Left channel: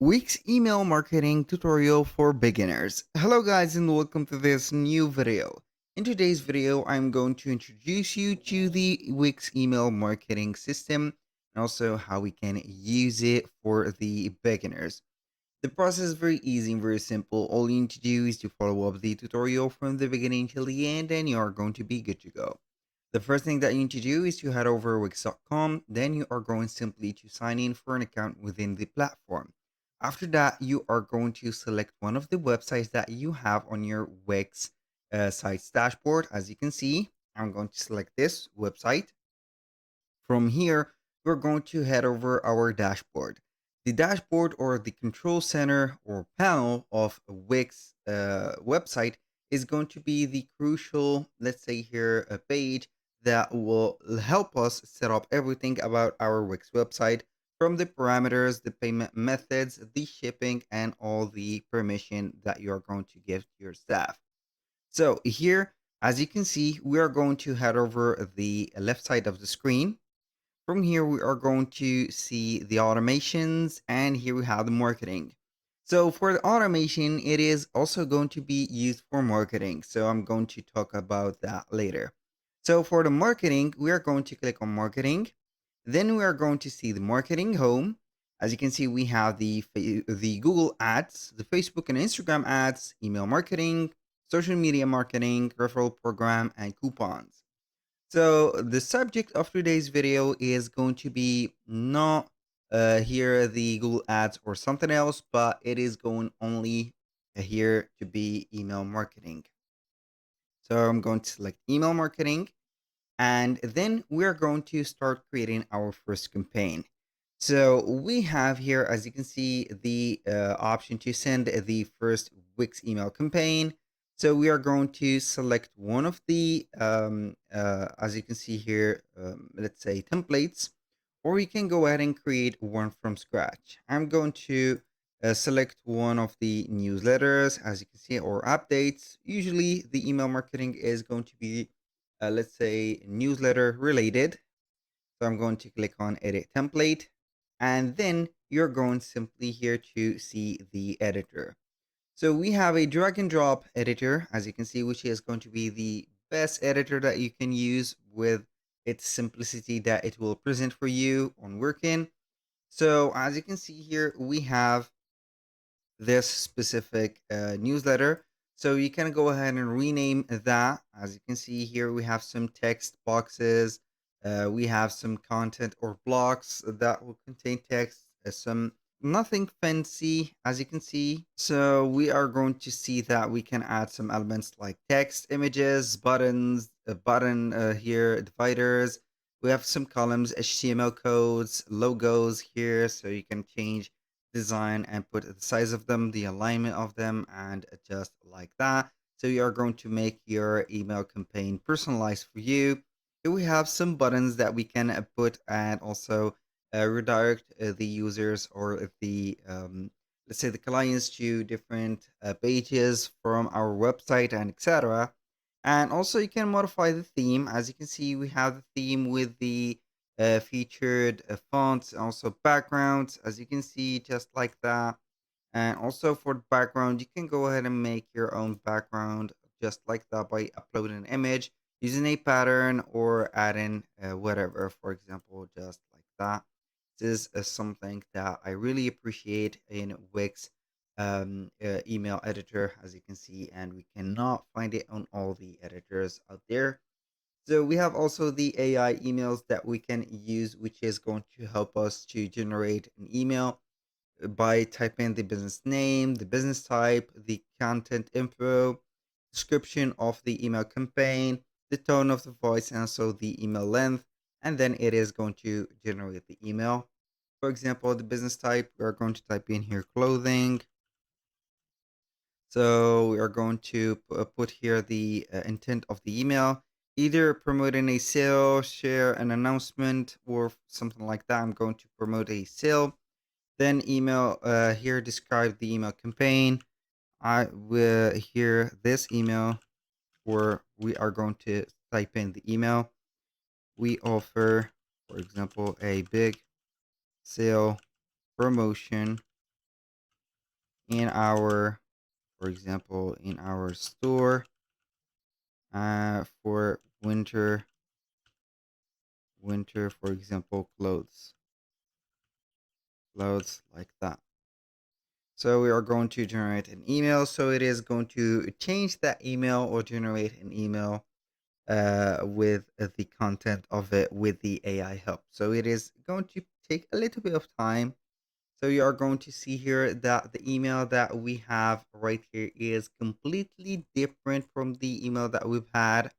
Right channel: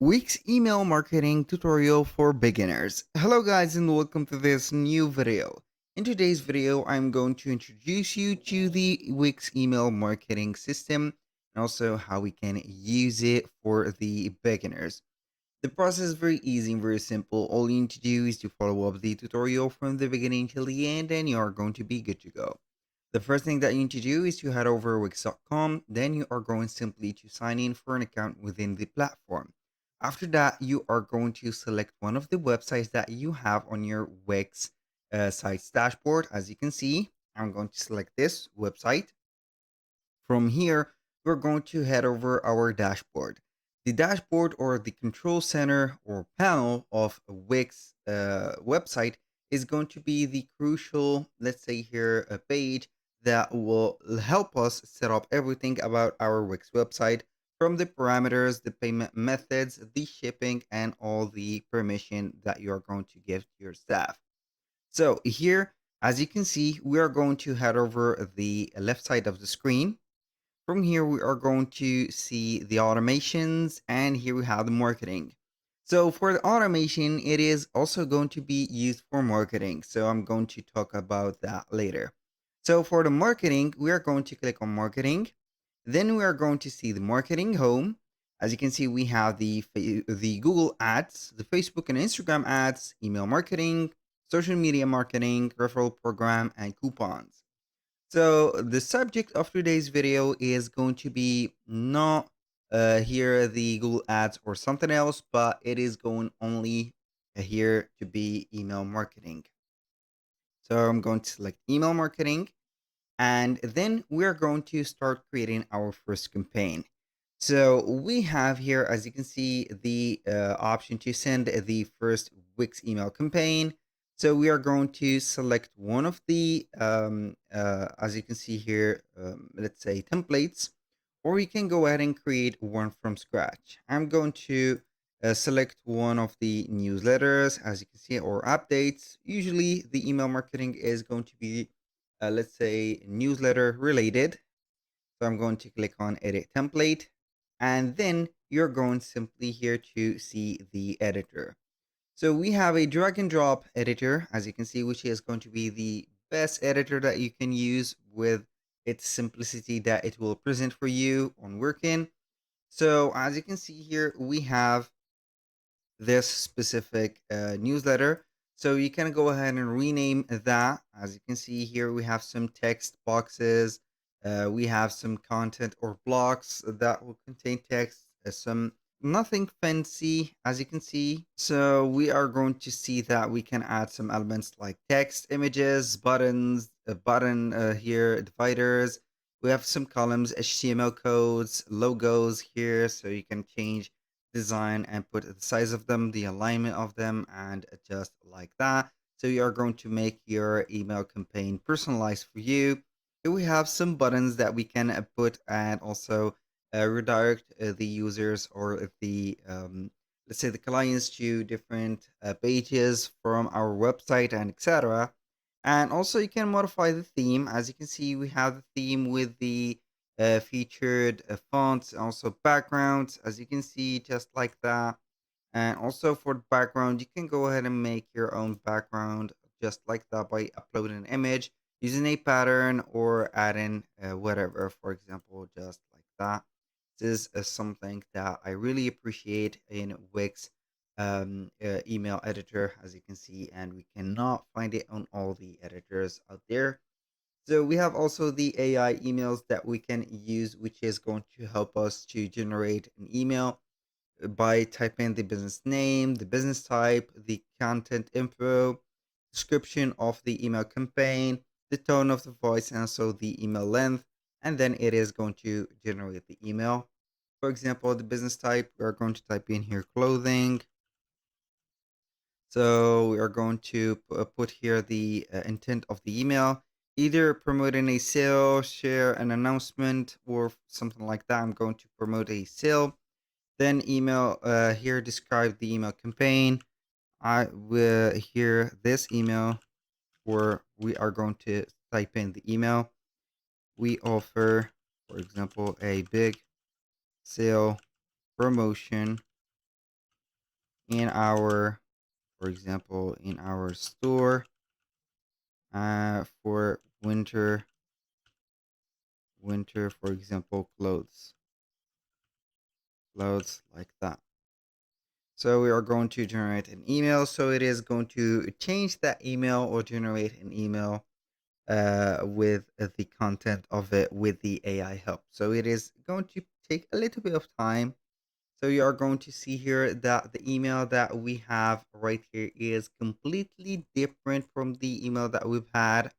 Wix email marketing tutorial for beginners. Hello guys and welcome to this new video. In today's video, I'm going to introduce you to the Wix email marketing system and also how we can use it for the beginners. The process is very easy and very simple. All you need to do is to follow up the tutorial from the beginning till the end and you are going to be good to go. The first thing that you need to do is to head over Wix.com. Then you are going simply to sign in for an account within the platform. After that, you are going to select one of the websites that you have on your Wix site's dashboard. As you can see, I'm going to select this website. From here, we're going to head over our dashboard. The dashboard or the control center or panel of a Wix website is going to be the crucial, let's say here, a page that will help us set up everything about our Wix website, from the parameters, the payment methods, the shipping, and all the permission that you are going to give to your staff. So here, as you can see, we are going to head over the left side of the screen. From here, we are going to see the automations, and here we have the marketing. So for the automation, it is also going to be used for marketing. So I'm going to talk about that later. So for the marketing, we are going to click on marketing. Then we are going to see the marketing home. As you can see, we have the Google ads, the Facebook and Instagram ads, email marketing, social media marketing, referral program, and coupons. So the subject of today's video is going to be not here the Google Ads or something else, but it is going only here to be email marketing. So I'm going to select email marketing, and then we are going to start creating our first campaign. So we have here, as you can see, the option to send the first Wix email campaign. So we are going to select one of the, as you can see here, let's say templates, or we can go ahead and create one from scratch. I'm going to select one of the newsletters, as you can see, or updates. Usually the email marketing is going to be, let's say, newsletter related. So I'm going to click on edit template, and then you're going simply here to see the editor. So we have a drag and drop editor, as you can see, which is going to be the best editor that you can use with its simplicity that it will present for you on working. So as you can see here, we have this specific newsletter. So you can go ahead and rename that. As you can see here, we have some text boxes. We have some content or blocks that will contain text, some nothing fancy, as you can see. So we are going to see that we can add some elements like text, images, buttons, a button here, dividers. We have some columns, HTML codes, logos here, so you can change design and put the size of them, the alignment of them, and adjust like that. So you are going to make your email campaign personalized for you. Here we have some buttons that we can put and also redirect the users or the let's say the clients to different pages from our website and etc. And also you can modify the theme. As you can see, we have the theme with the featured fonts, also backgrounds, as you can see, just like that. And also for the background, you can go ahead and make your own background just like that by uploading an image using a pattern or adding whatever, for example, just like that. This is something that I really appreciate in Wix email editor, as you can see, and we cannot find it on all the editors out there. So we have also the AI emails that we can use, which is going to help us to generate an email by typing the business name, the business type, the content info, description of the email campaign, the tone of the voice, and also the email length. And then it is going to generate the email. For example, the business type, we are going to type in here clothing. So we are going to put here the intent of the email, either promoting a sale, share an announcement, or something like that. I'm going to promote a sale. Then email here describe the email campaign. I will here this email where we are going to type in the email. We offer, for example, a big sale promotion in our, for example, in our store for winter, for example, clothes like that. So we are going to generate an email. So it is going to change that email or generate an email with the content of it with the AI help. So it is going to take a little bit of time. So you are going to see here that the email that we have right here is completely different from the email that we've had.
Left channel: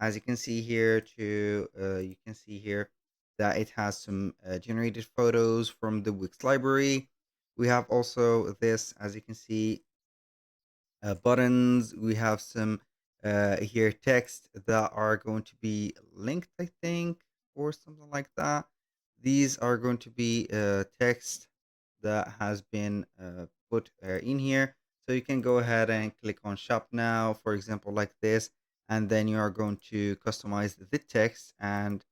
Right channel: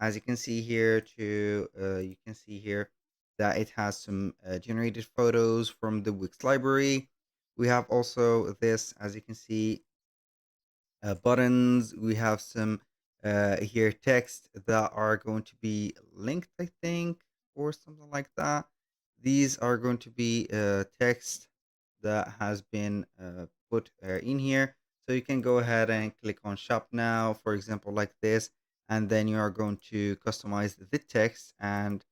As you can see here, you can see here that it has some generated photos from the Wix library. We have also this, as you can see, buttons. We have some here text that are going to be linked, I think, or something like that. These are going to be text that has been put in here. So you can go ahead and click on shop now, for example, like this, and then you are going to customize the text and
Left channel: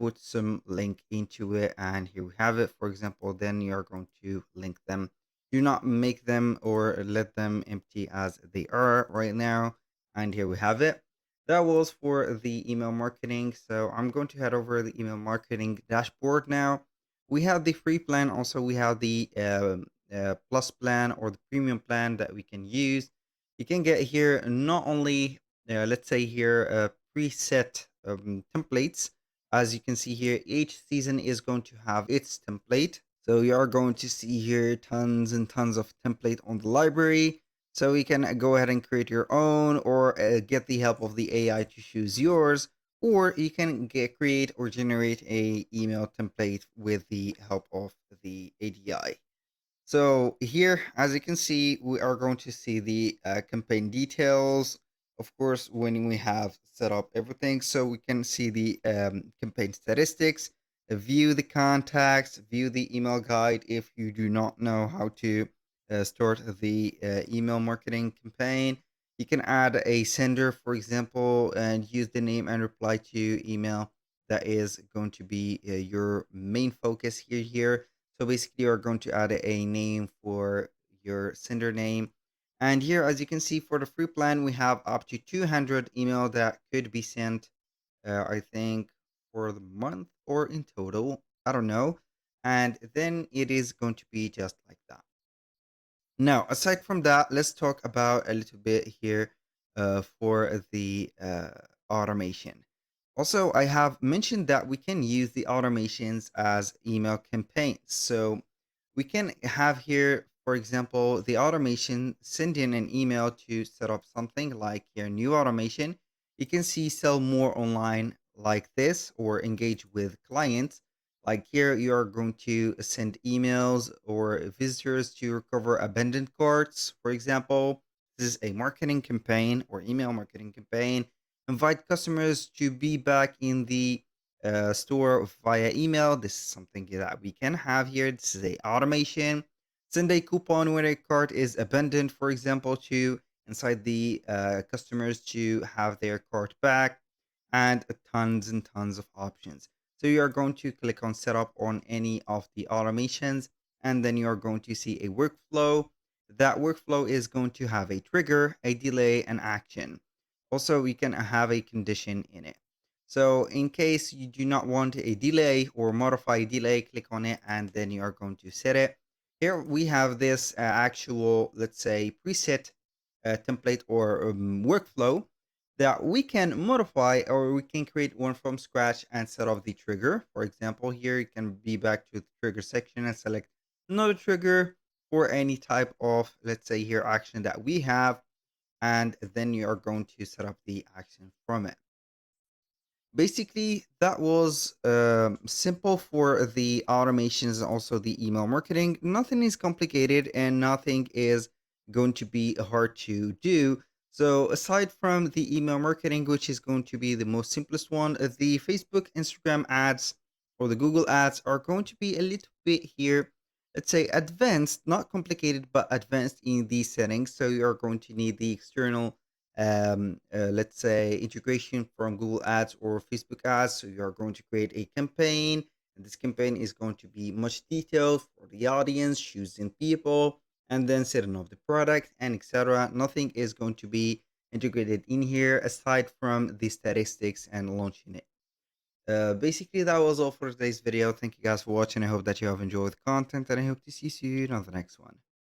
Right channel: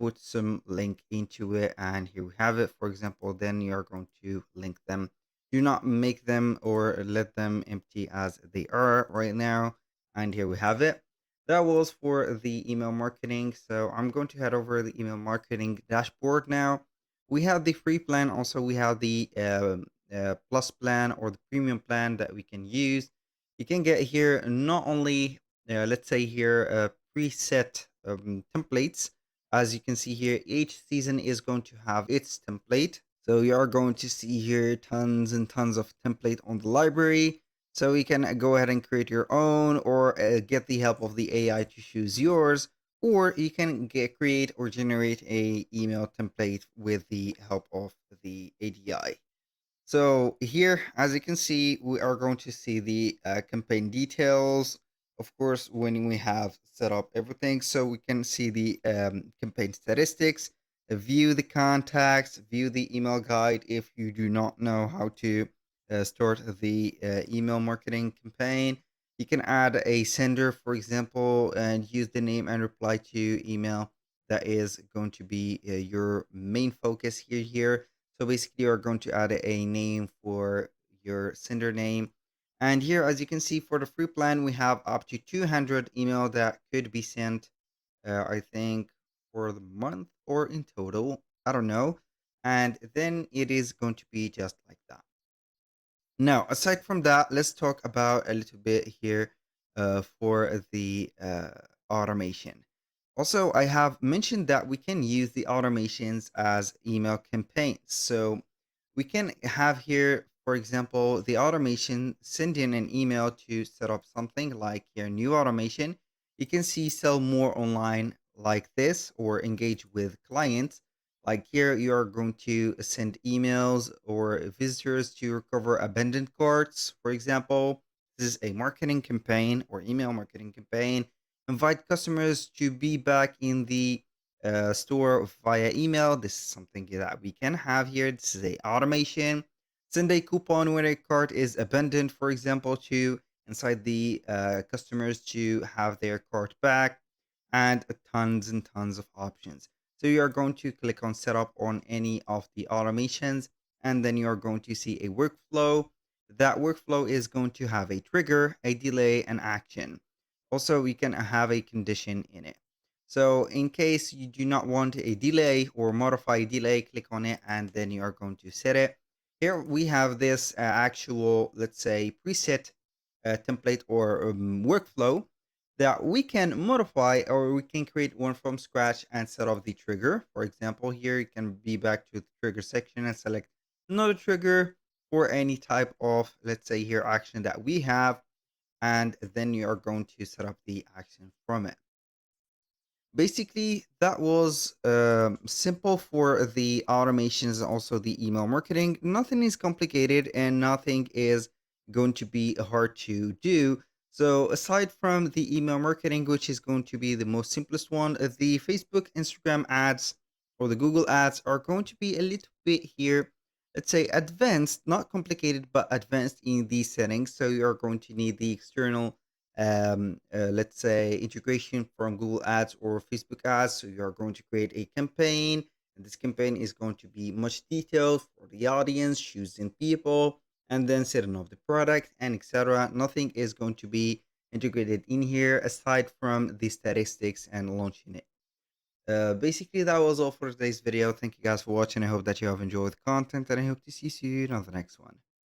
put some link into it. And here we have it. For example, then you are going to link them. Do not make them or let them empty as they are right now. And here we have it. That was for the email marketing. So I'm going to head over the email marketing dashboard now. We have the free plan. Also, we have the plus plan or the premium plan that we can use. You can get here not only, let's say here, preset templates. As you can see here, each season is going to have its template. So you are going to see here tons and tons of template on the library. So you can go ahead and create your own or get the help of the AI to choose yours, or you can create or generate a email template with the help of the ADI. So here, as you can see, we are going to see the campaign details. Of course, when we have set up everything, so we can see the campaign statistics, view the contacts, view the email guide if you do not know how to start the email marketing campaign. You can add a sender, for example, and use the name and reply to email. That is going to be your main focus here. So basically, you're going to add a name for your sender name. And here, as you can see, for the free plan, we have up to 200 email that could be sent, I think, for the month or in total. I don't know. And then it is going to be just like that. Now, aside from that, let's talk about a little bit here for the automation. Also, I have mentioned that we can use the automations as email campaigns. So we can have here, for example, the automation send in an email to set up something like your new automation. You can see sell more online like this or engage with clients. Like here, you are going to send emails or visitors to recover abandoned carts, for example. This is a marketing campaign or email marketing campaign. Invite customers to be back in the store via email. This is something that we can have here. This is a automation. Send a coupon when a cart is abandoned, for example, to inside the customers to have their cart back, and tons and tons of options. So you are going to click on setup on any of the automations, and then you are going to see a workflow. That workflow is going to have a trigger, a delay, and action. Also, we can have a condition in it. So in case you do not want a delay or modify delay, click on it and then you are going to set it. Here we have this actual, let's say, preset template or workflow that we can modify, or we can create one from scratch and set up the trigger. For example, here you can be back to the trigger section and select another trigger for any type of, let's say here, action that we have, and then you are going to set up the action from it. Basically, that was simple for the automations and also the email marketing. Nothing is complicated and nothing is going to be hard to do. So aside from the email marketing, which is going to be the most simplest one, the Facebook, Instagram ads or the Google ads are going to be a little bit here, let's say advanced, not complicated, but advanced in these settings. So you're going to need the external let's say integration from Google Ads or Facebook Ads. So you are going to create a campaign, and this campaign is going to be much detailed for the audience, choosing people, and then setting up the product and etc. Nothing is going to be integrated in here aside from the statistics and launching it. Basically, that was all for today's video. Thank you guys for watching. I hope that you have enjoyed the content, and I hope to see you soon on the next one.